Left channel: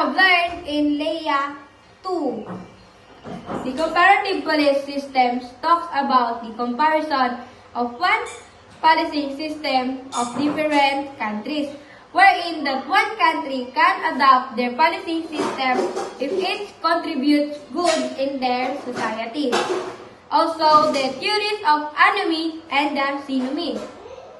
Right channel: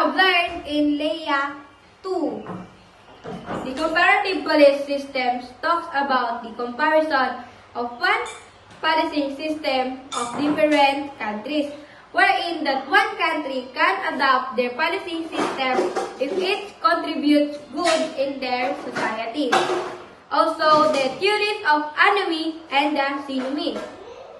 have learned in Leia 2. The comparative policy systems talks about the comparison of one policy system of different countries, wherein that one country can adopt their policy system if it contributes good in their society. Also, the theories of anomie and the synonymy.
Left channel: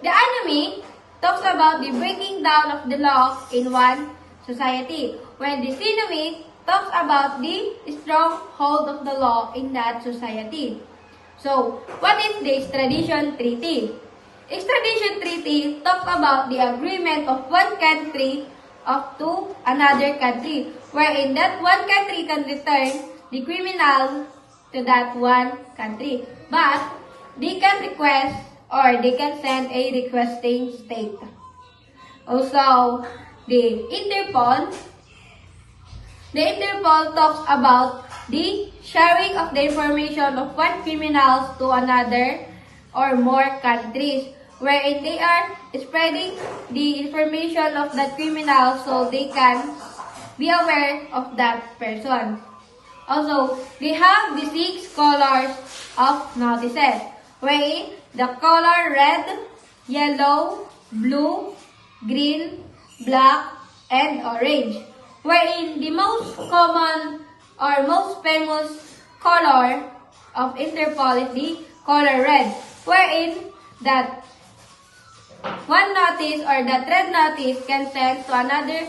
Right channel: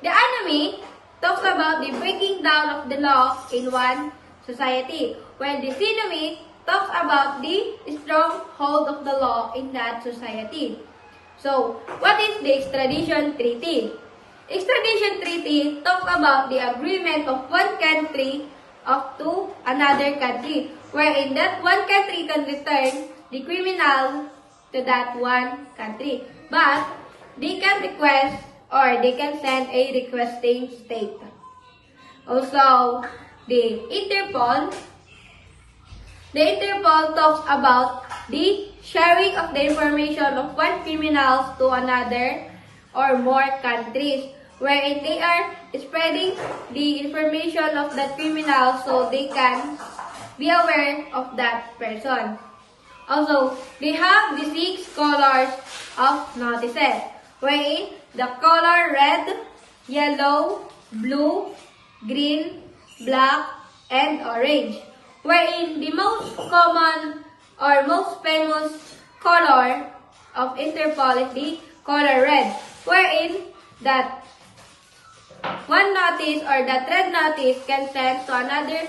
The anomie talks about the breaking down of the law in one society, while the synonymy talks about the stronghold of the law in that society. So, what is the extradition treaty? Extradition treaty talks about the agreement of one country to another country, wherein that one country can return the criminal to that one country. But they can request or they can send a requesting state. Also, the Interpol talks about the sharing of the information of one criminal to another or more countries, wherein they are spreading the information of that criminal so they can be aware of that person. Also, they have the 6 colors of notices, wherein the color red, yellow, blue, green, black, and orange. Wherein the most common or most famous color of Interpol is the color red, wherein that one notice or that red notice can send to another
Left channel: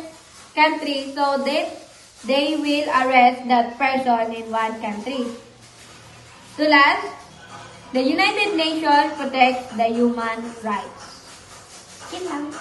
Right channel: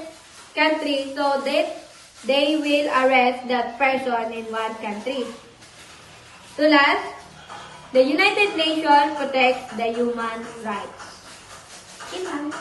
country so that they will arrest that person in one country. To last, the United Nations protects the human rights. Yun lang.